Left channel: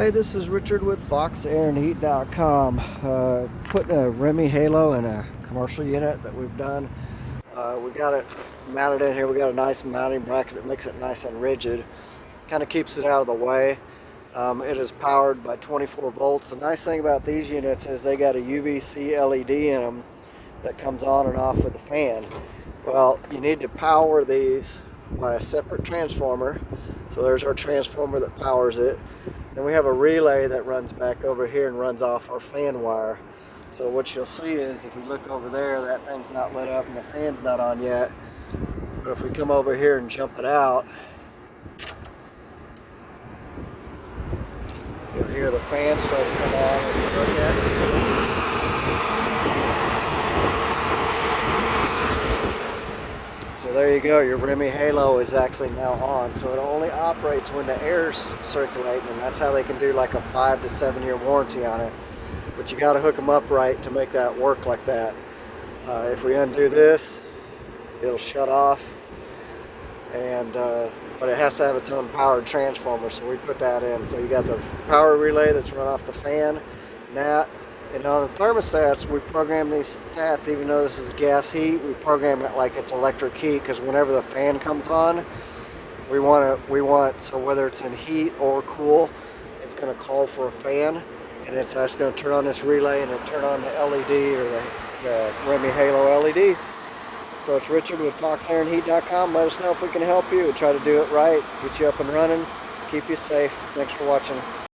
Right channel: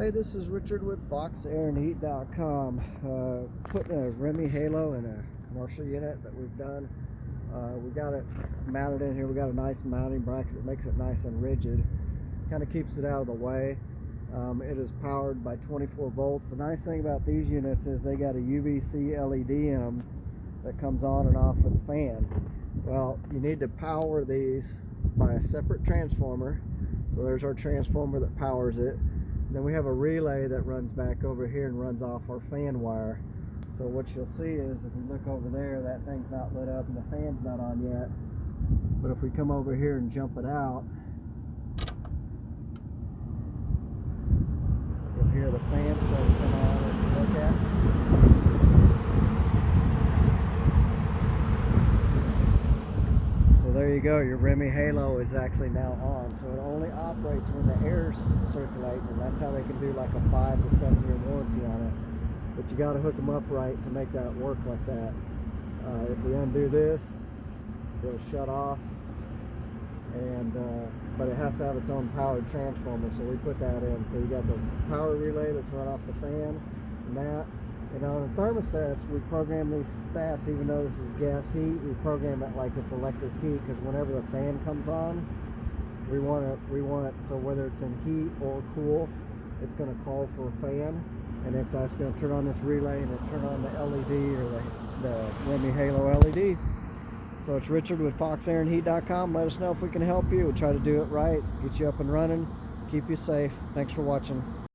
Hey, this is Richard with FoxAirandHeat.com. Putting a Reme Halo in a commercial unit that we've done. We got it mounted in here. We got a nice mounting bracket that makes it nice and rigid. Kind of keeps it out of the way. It is powered by 24 volts. The nice thing about these units is they got a UVC LED in them that comes on and off with the fan. Well, you need to power these by a separate transformer. So there's our transformer that powers it. Then we have a relay that runs back over here and runs off our fan wire. So what you'll see is if we look over there, that thing's not lit up and the fan's not on yet. But if we come over here and jump it out, you'll hear the fan start to come on. If you look at it. So there you go, your Reme Halo is actually now on. So it only operates when the air's circulating, and that's how they can do like a 5 to 7 year warranty on it. But you got to hook them up right to make that work like that. If we undo this, it'll shut off, and but it has to have its own powered transformer, so we put that in. So you got the power relay that's run off the fan, and that. And on the thermostats, we program these stats, even though this is gas heat, we program it like it's electric heat, because whenever the fan comes on, so whether it's in heat or cool, it's going to call for a fan, and it's actually going to turn on this relay and it'll turn on the LED, or the Reme Halo LED. So it's Richard with FoxAirandHeat.com. Let us know if we can help you. We'll try to do it right, get you up and running, keep you safe. Thanks for watching.